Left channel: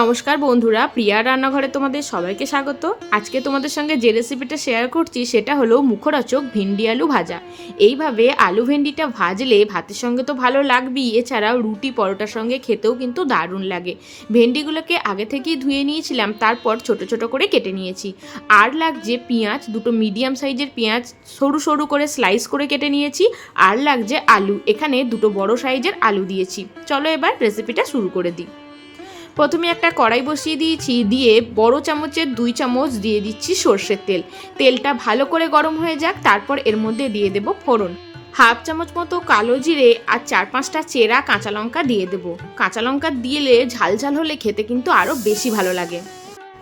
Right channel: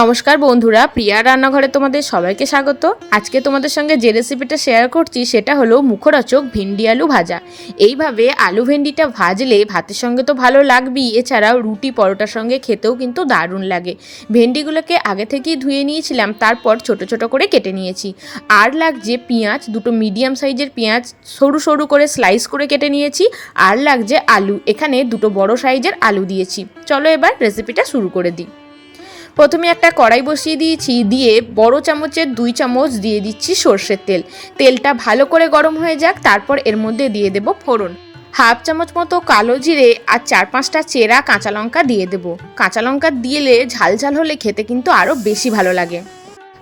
নমস্কার বন্ধুরা, প্রিয়া রান্নাঘরে তোমাদের সবাইকে স্বাগত। আজকে তোমাদের সঙ্গে যে রেসিপিটা শেয়ার করছি, সেটা হলো মুখরোচক ভেন্ডি আলু ভাজা। এইভাবে আলু ভেন্ডিটা ভাজলে ভাতের সঙ্গে তো ভালো লাগবেই, এছাড়াও রুটি পরোটার সঙ্গে খেতেও কিন্তু দারুণ লাগে। ভেন্ডিগুলোকে আগে থেকেই ধুয়ে নিয়েছিলাম, তারপর ছোট ছোট করে কেটে নিয়েছি। আর লাগছে পেঁয়াজ, দুটো মিডিয়াম সাইজের পেঁয়াজ সরু সরু করে স্লাইস করে কেটে নিয়েছি। আর লাগছে আলু, এখানে দুটো বড় সাইজের আলু দিয়েছি। চলো এবার রেসিপিটা শুরু করে দিই। প্রথমে একটা কড়াই বসিয়ে দিয়েছি, দিয়ে বড় চামচের দুই চামচ দিয়ে দিচ্ছি সর্ষের তেল। তেলটা ভালো করে গরম হয়ে যাক, তারপর এর মধ্যে দিয়ে দেব ফোড়ন। হাফ চামচ মতো কালো জিরে আর চার পাঁচটা চেরা কাঁচা লঙ্কা দিয়ে দেবো। কাঁচা লঙ্কা দিলে ঝাল ঝাল হলে খেতে কিন্তু আরও বেশি ভালো লাগে।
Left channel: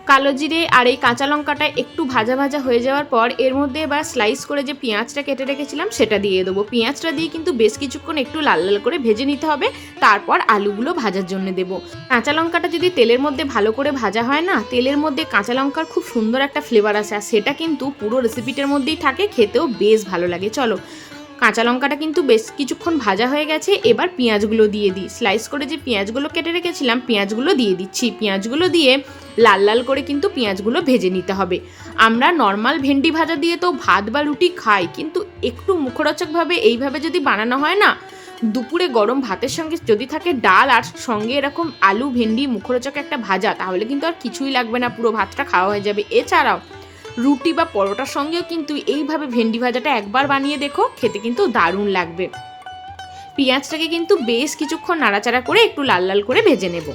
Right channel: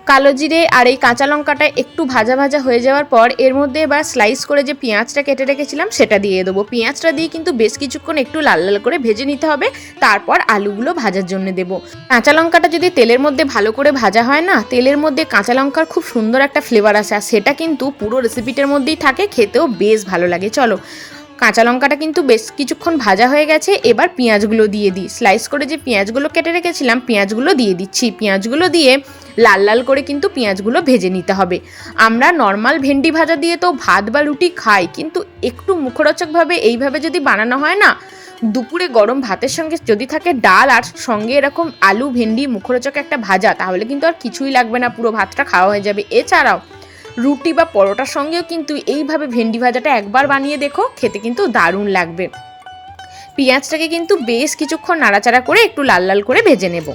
কালো জিরে আর এই কাঁচা লঙ্কাটা একটু ভাজা ভাজা হয়ে যাওয়ার পর এর মধ্যে এবার স্লাইস করে যে পেঁয়াজটা কেটে রেখেছিলাম সেটা দিয়ে দেবো। পেঁয়াজটা দিয়ে কিন্তু বেশ কিছুক্ষণ একটু লাল লাল করে ভেজে নিতে হবে, তারপর আলুগুলো ভাজার জন্য দেবো। কাঁচা লঙ্কাটা যদি তেলের মধ্যে ভালো করে ভাজা হয় না, তেলের মধ্যে কাঁচা লঙ্কার খুব সুন্দর একটা ফ্লেভার আসে, আর সেটা কিন্তু পুরো রেসিপিটার মধ্যেই থাকে, খেতেও বেশ ভালো লাগে। চলো কাঁচা লঙ্কাটা কিন্তু বেশ কিছুক্ষণ ভাজা হয়ে গেছে। এবার পেঁয়াজগুলো দিয়ে দিই। স্লাইস করে যে পেঁয়াজগুলো কেটে রেখেছিলাম, পেঁয়াজগুলো দিয়ে দিচ্ছি। পেঁয়াজগুলো দিয়ে লাল লাল করে কিন্তু পেঁয়াজগুলো ভেজে নিতে হবে। আমরা নর্মাল ভেন্ডি ভাজা দিয়ে তো ভাত বা রুটি খাই, কিন্তু একটু মুখরোচকভাবে এইভাবে যদি বানানো হয় না, দুপুরে গরম ভাতের সঙ্গে যদি থাকে ডাল আর সঙ্গে এরকম আলু, ভেন্ডি মুখরোচক একটা ভাজা, তাহলে কিন্তু আর কিছুই লাগবে না, পুরো ভাতটা খাওয়া হয়ে যাবে। এছাড়াও রুটি বা পরোটার সঙ্গেও কিন্তু এইভাবে ভেন্ডি ভাজাটা একবার বানিয়ে দেখো, খেতে কিন্তু দারুণ লাগবে। পেঁয়াজটাকে কিন্তু বেশ কিছুক্ষণ নাড়াচাড়া করে একটু লাল লাল করে ভেজে নেব।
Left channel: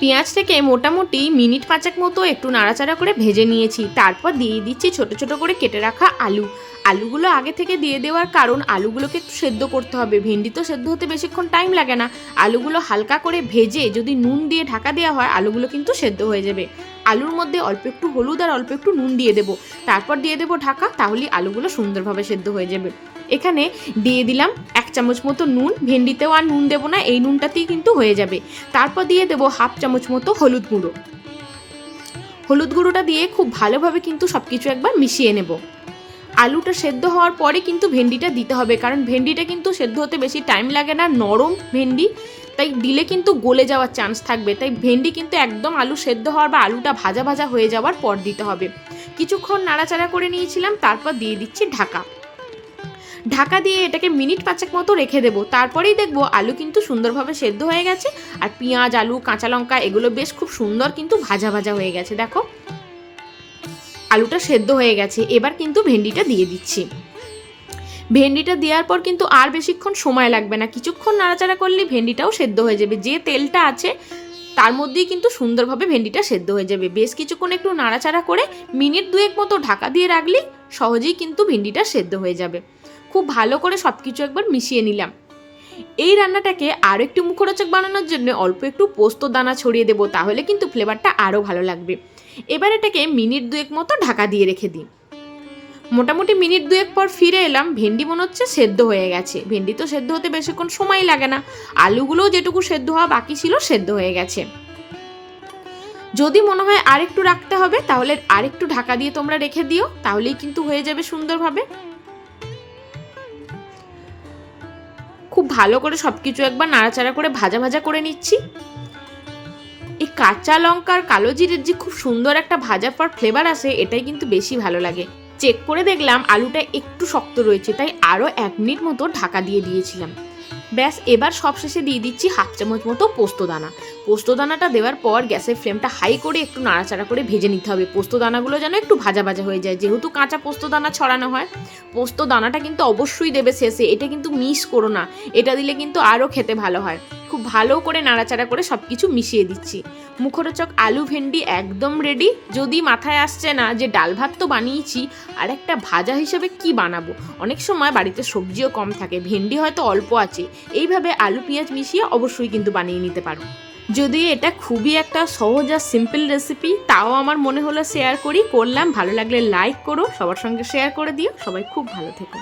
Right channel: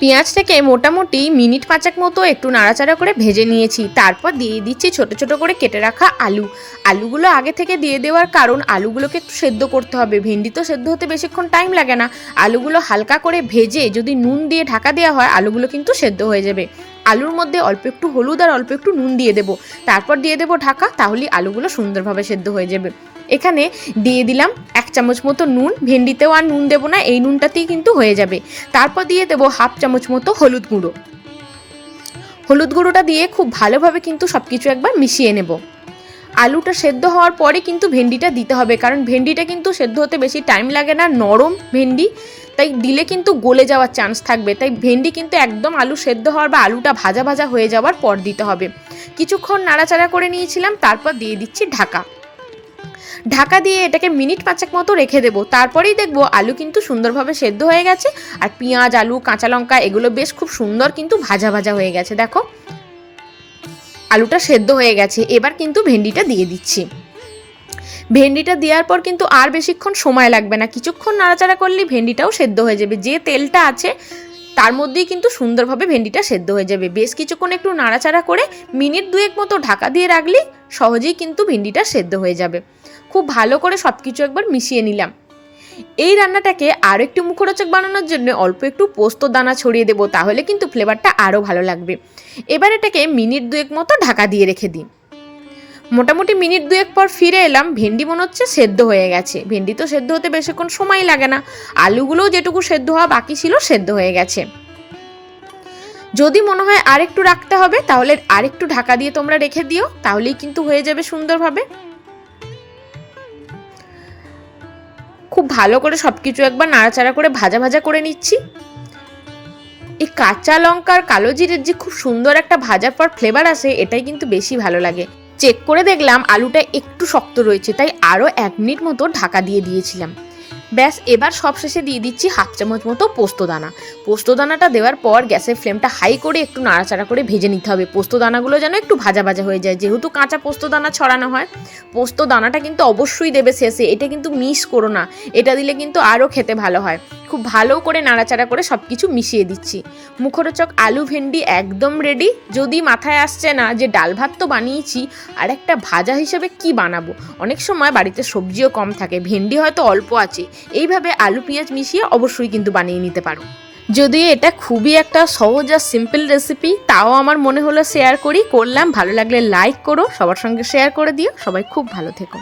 পেঁয়াজটাকে মোটামুটি মিনিট পাঁচেক মতো একটু নাড়াচাড়া করে ভেজে নিয়েছি। তারপর দিয়ে দিচ্ছি ছোট ছোট করে কেটে রাখা আলু। আলুগুলো আগে থেকে দিয়ে দেওয়ার কারণ আলুগুলোকে একটু সেদ্ধ করতে হবে। ভেন্ডি তো সেদ্ধ হতে বেশিক্ষণ টাইম লাগে না। আলুগুলো হালকা করে ভেজে যদি নুন দিয়ে ঢাকা দেওয়া হয়, আলুগুলো কিন্তু সেদ্ধ হয়ে যাবে। আলুর মধ্যে অল্প একটু হলুদ আর অল্প একটু নুন দিয়ে দেবো। তারপর দিয়ে দেবো ঢাকা, তাহলে আলুগুলো সুন্দরভাবে সেদ্ধ হয়ে যাবে। এখানে দিয়ে দিলাম এক চামচ মতো নুন, ভেন্ডিতেও আর নুন দেবো না, এই নুনটাতেই কিন্তু হয়ে যাবে। তারপর দিয়ে দেবো হাফ চামচ মতো হলুদ গুঁড়ো। হলুদ গুঁড়োটা দিয়ে খুব ভালোভাবে কিন্তু সব কিছু একবার মিশিয়ে নেব। আলুটা সেদ্ধ হওয়ার পরে কিন্তু ভেন্ডিটা দিতে হবে, কারণ ভেন্ডিটা কিন্তু সেদ্ধ হতে বেশি টাইম লাগে না, নরম ভেন্ডি। তাই দিলে কিন্তু গলে যাওয়ার চান্স থাকবে। তাই ভেন্ডি কিন্তু একদম আলু সেদ্ধ হওয়ার বা আলুটা ভাজা ভাজা হয়ে যাওয়ার পর দিতে হবে। কিছুক্ষণ নাড়াচাড়া করে নিয়েছিলাম, তারপর দিয়ে দিচ্ছি ঢাকা। ঢাকা দিয়ে এটাকে মিনিট পাঁচেক মতো রেখে দেবো। তারপরেই দেখব আলু কিন্তু সুন্দরভাবে সেদ্ধ হয়ে গেছে। আর পেঁয়াজ, আলু, কাঁচা লঙ্কা এগুলো বেশ খুব সুন্দর কিন্তু ভাজা ভাজা হয়ে গেছে। দেখো, আলুটা সেদ্ধ হয়ে গেছে। এবার কিন্তু ভেন্ডিটা দিয়ে দিচ্ছি। ভেন্ডিটা দেওয়ার পর কিন্তু আর বেশিক্ষণ সময় লাগবে না। কিছুক্ষণ নাড়াচাড়া করলেই ভেন্ডিটাও সেদ্ধ হয়ে যাবে। যে তেলটা আছে, তার মধ্যেই কিন্তু সুন্দরভাবে ভেন্ডিটা সেদ্ধ হয়ে যাবে। বেশ কিছুক্ষণ একটু নাড়াচাড়া করে মিনিট দুয়েক মতো ঢাকা দিয়ে রাখলেই সহজেই কিন্তু ভেন্ডিটা সেদ্ধ হয়ে যাবে। খুব ভালো করে সব কিছু একবার মিশিয়ে নিলাম। এই রান্নাটাকে আরও একটু মুখরোচক বানানোর জন্য অল্প একটু পোস্ত দানা ছড়িয়ে দেবো, তাহলে কিন্তু ফ্লেভারটা আরও ভালো লাগবে। এবার এটাকে মিনিট দুয়েক মতো ঢাকা দিয়ে রেখে দিই। মোটামুটি মিনিট দুয়েক পর ফিরে এলাম, ভেন্ডি মনে হচ্ছে সেদ্ধ হয়ে গেছে। ভেন্ডি তো সেদ্ধ হতে বেশিক্ষণ সময় লাগে না। আলুগুলোও যেটুকু সেদ্ধ হওয়া বাকি ছিল সেদ্ধ হয়ে গেছে। যদি মনে হয় আরেকটু রাখতে হবে, তাহলে আরেকটু ঢাকা দিয়ে তোমরা রেখে দিও, তাহলেই কিন্তু হয়ে যাবে সুন্দরভাবে। খুব ভালো করে সব কিছু একবার নাড়াচাড়া করে ভাজা ভাজা করে নিচ্ছি। এই কাঁচা লঙ্কার কালো জিরের যে খুব সুন্দর একটা ভাজার পর ফ্লেভার আসে, এটাই কিন্তু বেশি ভালো লাগে। চেক করে দেখলাম আলুটা একটু শক্ত রয়েছে, তাই আরও এক মিনিট মতো ঢাকা দিয়ে দিয়েছিলাম। ব্যাস, এবার সবশেষে দিয়ে দিচ্ছি হাফ চামচ মতো পোস্ত দানা পোস্ত দানাটা দেওয়ার পর গ্যাসের ফ্লেমটা হাই করে একটু নাড়াচাড়া করে ভেজে নিতে হবে। পোস্ত দানাগুলো যেন একটু ভাজা ভাজা হয়ে যায়, যেহেতু কাঁচা পোস্ত দানা ছড়ানো হয়। পোস্ত দানাটা কিন্তু অবশ্যই দেবে শেষে, এটা কিন্তু মিস করো না। এটা দিলে কিন্তু আরও খেতে ভালো হয়। খুব ভালো করে নাড়াচাড়া করে সব কিছু মিশিয়ে দিচ্ছি। মুখরোচক আলু ভেন্ডি একদম রেডি যদি মাথায় আসছে না যে ডাল ভাত তো বানিয়েছি, আর একটা ভাজা হিসেবে কি বানাবো? অনেক সময় বাড়িতে সবজিও কম থাকে, ভেন্ডি হয়তো অল্প আছে। এইভাবে আলু পেঁয়াজ মিশিয়ে অবশ্যই কিন্তু বানিয়ে নিতে পারো। যদি এটা খুবই একটা সহজ আর সিম্পল রেসিপি তাও আমার মনে হলো শেয়ার করি। করলাম, ভালো লাগলে লাইক করো, সবার সঙ্গে শেয়ার করে দিও। সবাই খুব ভালো থেকো।